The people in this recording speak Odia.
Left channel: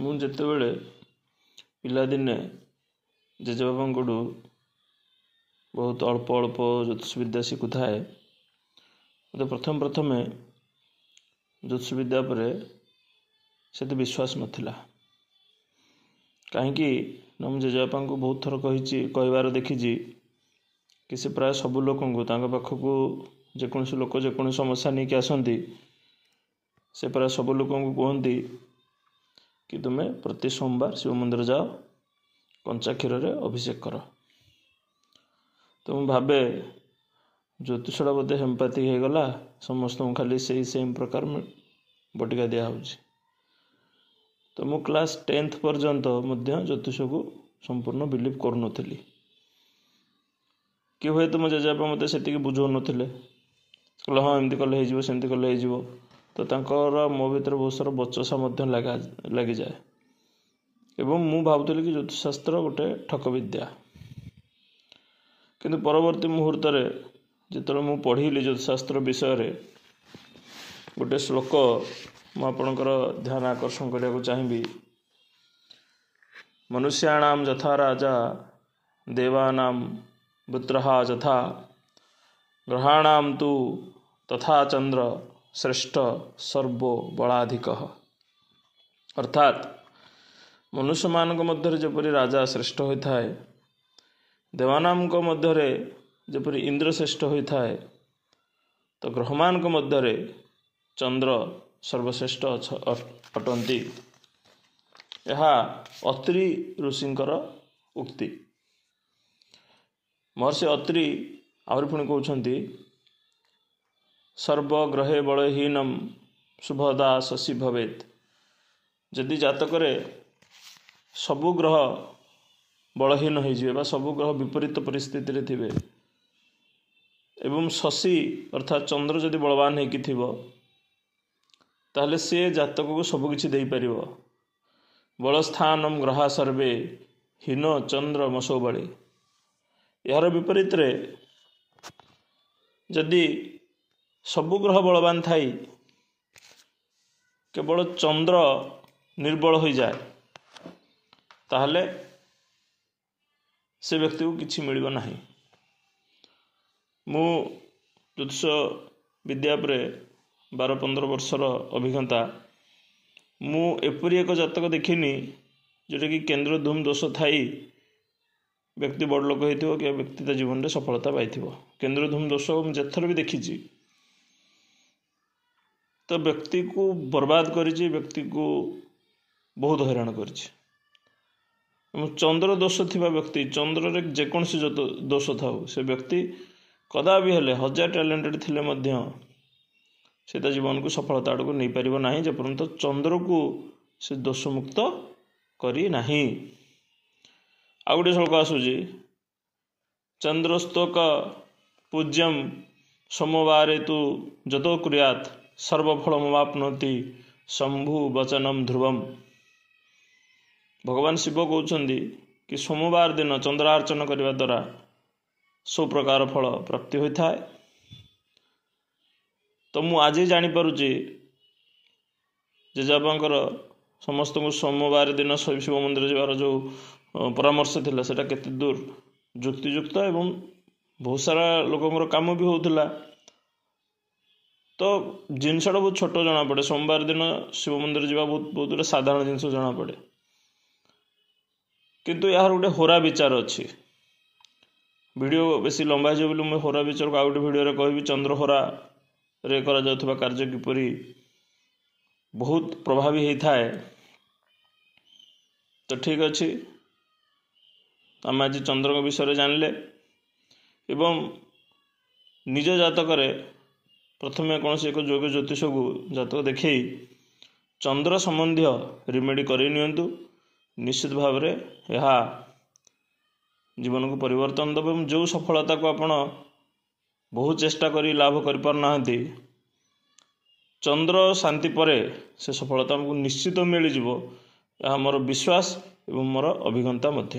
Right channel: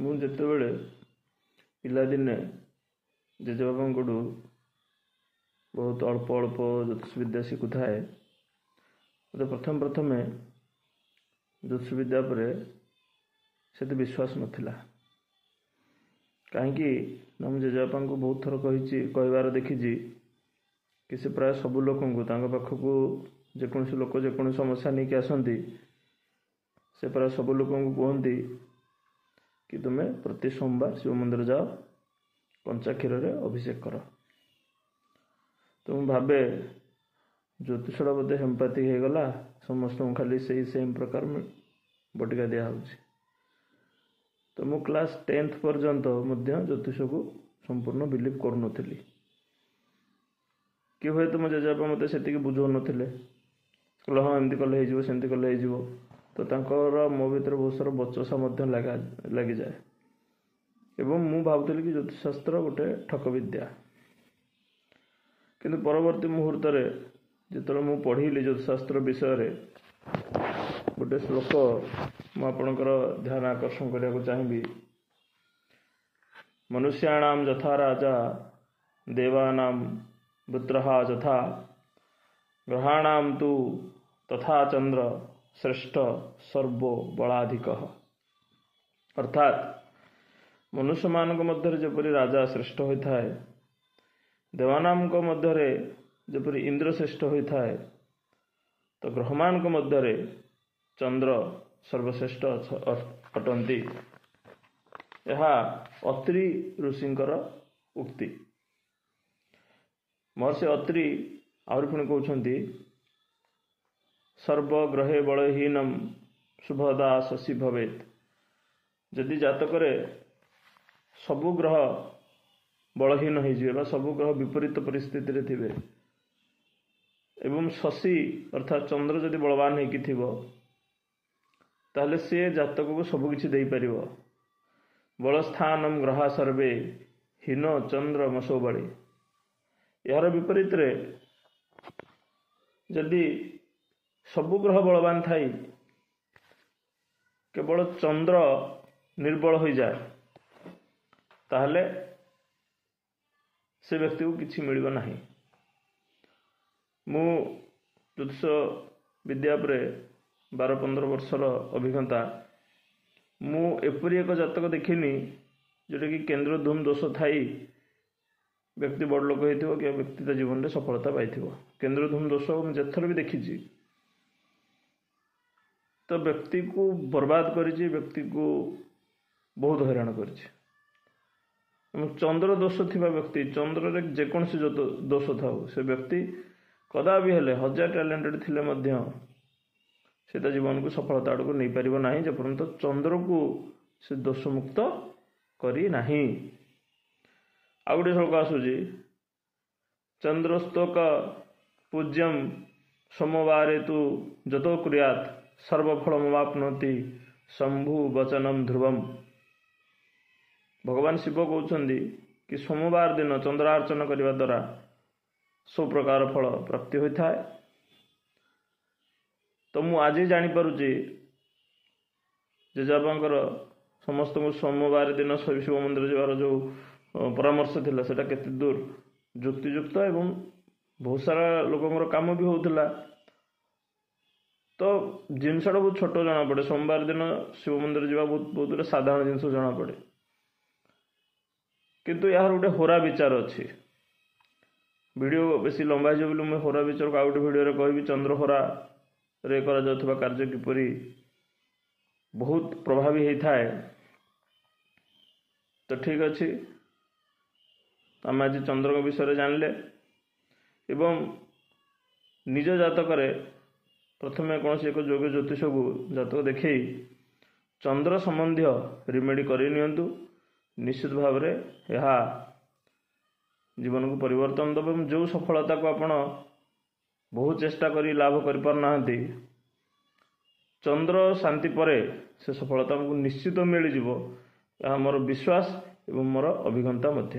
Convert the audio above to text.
ମୁଁ ଯେତେବେଳେ ପିଲାଦିନେ ଜେଜେବାପାଙ୍କଠୁ ବହୁତ ଅଳ୍ପ ଅଳ୍ପ ଜ୍ୟୋତିଷ ବିଦ୍ୟା ଶିଖୁଥାଏ, ମୋତେ ପ୍ରଥମେ ଜ୍ୟୋତିଷ ବିଦ୍ୟା ଉପରେ ସେତେ ବିଶ୍ୱାସ ନଥିଲା। କାହିଁକି ନା ମୁଁ ଜେଜେବାପାଙ୍କୁ ବହୁତ ଥର କହିବାର ଦେଖିଛି କି ସେ ପ୍ରାୟ ସବୁ ଲୋକଙ୍କୁ ତାଙ୍କ ପାଖକୁ ଯେକୌଣସି ଲୋକ ଯେକୌଣସି ସମସ୍ୟା ନେଇକି ଆସନ୍ତି, ସେ ପ୍ରାୟ ସବୁ ଲୋକଙ୍କୁ କୁହନ୍ତି କି ତୁମେ ପ୍ରତି ସୋମବାର ଶିବ ମନ୍ଦିର ଯାଅ, କଞ୍ଚା କ୍ଷୀରରେ ଅଭିଷେକ କର। ତ ମୁଁ ଭାବେ ଜ୍ୟୋତିଷଟା ବୋଧେ ହେମ୍ପାଥିକ ହେଇଗଲା, ସମସ୍ତଙ୍କୁ ଖାଲି ସେମ୍ ପ୍ରକାର ବଟିକା ଦିଆହେଉଛି। ତ ମୁଁ କ୍ଲାସ୍ 10th ପର୍ଯ୍ୟନ୍ତ ମଧ୍ୟ ଜ୍ୟୋତିଷକୁ ସମ୍ପୂର୍ଣ୍ଣ ବିଲିଭ୍ କରୁନଥିଲି। କି ହୁଏତ ମୋ ଜେଜେବାପା ମୋତେ ସେତିକି ବୁଝାଉନଥିଲେ, କହିଲେ ହଁ ଏମିତି କଲେ ହେଇଯିବ, ସେମିତି କଲେ ହେଇଯିବ। ତ ତାଙ୍କର ମୋ ଭିତରେ ବହୁତ ସାରା ବଚସା ମଧ୍ୟ ଲାଗିଯାଏ ଏବଂ ମୁଁ ଭାବୁଥିଲି କି ଜ୍ୟୋତିଷଶାସ୍ତ୍ର ଗୋଟେ ଠକ ବିଦ୍ୟା। କିନ୍ତୁ ପରବର୍ତ୍ତୀ ମୁହୂର୍ତ୍ତରେ ଯେତେବେଳେ ମୁଁ ପଢ଼ିଲି ଜ୍ୟୋତିଷଶାସ୍ତ୍ର ବିଷୟରେ, ଗୋଟେ ଶ୍ଲୋକ ମୁଁ ଆପଣଙ୍କର ଧ୍ୟାନ ଆକର୍ଷଣ କରିବାକୁ ଚାହିଁବି। ମନୁଷ୍ୟାଣାମ ଯଥା ରାଜା ଦେବାନାମ ପୁତ୍ରଃ ଯଥା ଗ୍ରହାଣାମ ତୁ ତଥା ଚନ୍ଦ୍ର ଶ୍ରେଷ୍ଠ ସର୍ବ ବଳାଧିକଃ। ଅର୍ଥାତ୍ ମନୁଷ୍ୟମାନଙ୍କ ମଧ୍ୟରେ ଯେପରି ରାଜା ଶ୍ରେଷ୍ଠ ହୋଇଥାଏ, ଦେବାନାମଙ୍କ ମଧ୍ୟରେ ଯେପରି ଇନ୍ଦ୍ର ଶ୍ରେଷ୍ଠ ହୋଇଥାଏ, ତ ଗ୍ରହମାନଙ୍କ ମଧ୍ୟରେ ଚନ୍ଦ୍ର ସର୍ବଶ୍ରେଷ୍ଠ ଅଟନ୍ତି। ଏହା ଅତ୍ରି ଋଷିଙ୍କର ଉକ୍ତି। ମହର୍ଷି ଅତ୍ରି ଆହୁରି ପୁଣି କହୁଛନ୍ତି, ସର୍ବଗ୍ରହେ ବଳହୀନମ୍ ଶୁଭଦା ଶଶୀ ଭବେତ୍। ଯଦି ଜାତକରେ ସବୁ ଗ୍ରହ ବଳହୀନ ହୋଇଯିବେ ବା ସବୁ ଗ୍ରହ ବିପରୀତ ପରିସ୍ଥିତିରେ ଥିବେ ଏବଂ ଶଶୀ ଅର୍ଥାତ୍ ଚନ୍ଦ୍ର ଯଦି ବଳବାନ ହେଇକି ଥିବ, ତାହେଲେ ସେ ଜାତକକୁ ସବୁ କିଛି ଦେଇପାରିବ। ବଳସ୍ଥାନମ୍ ଗ୍ରହା ସର୍ବେ ହୀନ ଚନ୍ଦ୍ର ମଶୋ ବଳେ। ଏହାର ବିପରୀତରେ ଯଦି ସବୁ ଗ୍ରହ ବଳବାନ ଥାଇ କେବଳ ଚନ୍ଦ୍ର ନିର୍ବଳ ହୋଇଯାଏ, ତାହେଲେ ସେ ବ୍ୟକ୍ତିକୁ କିଛି ମିଳିବ ନାହିଁ। ମୁଁ ଜ୍ୟୋତିଷ ବିଦ୍ୟା ଉପରେ 12-15 ବର୍ଷର ଅଭିଜ୍ଞତା। ମୁଁ ଏପରି ଏକ ଜାତକ ଦେଖିନି ଯେଉଁଟାକି କେନ୍ଦ୍ର ଧୂମ ଦୋଷ ଥାଇ ବ୍ୟକ୍ତି ବଡ଼ ଲୋକ ହେଇଥିବ କି ବ୍ୟକ୍ତି ତା ଜୀବନରେ ସଫଳତା ପାଇଥିବ। କେନ୍ଦ୍ର ଧୂମ ଦୋଷ ମୁଁ ଯେତେଥର ବି ଦେଖିଛି, ତ ବ୍ୟକ୍ତିକୁ ବର୍ବାଦ କରିଛି, ବ୍ୟକ୍ତିକୁ ବହୁତ ହଇରାଣ କରିଛି। ଏବଂ ଚନ୍ଦ୍ର ଦୋଷ ଥିବା ବ୍ୟକ୍ତି, ଚନ୍ଦ୍ରରେ ଯେକୌଣସି ଦୋଷ ଥାଉ, ସେ ବ୍ୟକ୍ତି କଦାପି ହେଲେ 1000 ଟ୍ୟାଲେଣ୍ଟେଡ଼ ଥିଲେ ମଧ୍ୟ ସେ ତା ଜୀବନକୁ ସଫଳତା ଆଡ଼କୁ ନେଇପାରିବ ନାହିଁ, ଯେପର୍ଯ୍ୟନ୍ତ ଚନ୍ଦ୍ରକୁ ସେ ଦୋଷମୁକ୍ତ କରି ନାହିଁ। ଆଉ ଗୋଟେ ଶ୍ଲୋକ ଆସୁଛି, ଚନ୍ଦ୍ରସ୍ତୋକ ପୂଜ୍ୟମ୍ ସୋମବାରେ ତୁ ଯତୋ କୁର୍ୟାତ୍ ସର୍ବଫଳମବାପ୍ନୋତି ଶମ୍ଭୁ ବଚନମ୍ ଧ୍ରୁବମ୍। ଭଗବାନ ଶିବ କହୁଛନ୍ତି କି ସୋମବାର ଦିନ ଚନ୍ଦ୍ରାର୍ଚ୍ଚନ କରିବା ଦ୍ୱାରା ସବୁ ପ୍ରକାର ଫଳ ପ୍ରାପ୍ତି ହୋଇଥାଏ। ତ ମୁଁ ଆଜି ଜାଣିପାରୁଛି ଜେଜେବାପାଙ୍କର ସମସ୍ତଙ୍କୁ ସୋମବାର ଦିନ ଶିବ ମନ୍ଦିର ଯିବାର ଯେଉଁ ପରାମର୍ଶ ଥିଲା, ସେଇଟା କେତେ ଦୂର ଯୁକ୍ତିଯୁକ୍ତ ଏବଂ ବହୁତ ସାରା ଲୋକଙ୍କର କାମ ବି ହେଉଥିଲା। ତ ଜିନିଷଟା ବହୁତ ଛୋଟ ଜଣାପଡ଼େ, ସୋମବାର ଦିନ ଶିବ ମନ୍ଦିର ଯିବା ବହୁତ ଗୋଟେ ସାଧାରଣ ଜିନିଷ ଜଣାପଡ଼େ। କିନ୍ତୁ ଏହାର ଗୋଟେ ହୋରା ବିଚାର ଅଛି। ଭିଡ଼ିଓ ବେଶୀ ଲମ୍ବା ହେଇଯିବ ବୋଲି ମୁଁ ହୋରା ବିଚାରକୁ ଆଉ ଗୋଟେ ଭିଡ଼ିଓରେ କହିବି। ଚନ୍ଦ୍ର ହୋରାରେ କରାଯାଉଥିବା କାର୍ଯ୍ୟ କିପରି ବହୁତ ପ୍ରଭାବୀ ହେଇଥାଏ। ତ ଠିକ୍ ଅଛି, ଆମେ ଆଜି ଚନ୍ଦ୍ରଙ୍କ ବିଷୟରେ ଜାଣିଲେ ଏବଂ ନିଜ ଜାତକରେ ପ୍ରଥମେ କୌଣସି ଏକ ଯୋଗ ଜ୍ୟୋତିଷକୁ ଜାତକ ଦେଖାଇ ଚନ୍ଦ୍ର ସମ୍ବନ୍ଧୀୟ ରିମେଡ଼ି କରି ନିଅନ୍ତୁ। ନିଶ୍ଚିତ ଭାବରେ ଏହା ଜୀବନକୁ ପରିବର୍ତ୍ତନ ଦେବ ଏବଂ ଯେଉଁ ସଫଳତାକୁ ଆପଣ ବହୁ ଚେଷ୍ଟା କରି ଲାଭ କରିପାରୁନାହାନ୍ତି, ଚନ୍ଦ୍ର ଶାନ୍ତି ପରେ ସେ ସଫଳତା ଆମକୁ ନିଶ୍ଚିତ ମିଳିଯିବ। ଏହା ମୋର ବିଶ୍ୱାସ ଏବଂ ମୋର ଅଭିଜ୍ଞତା ମଧ୍ୟ।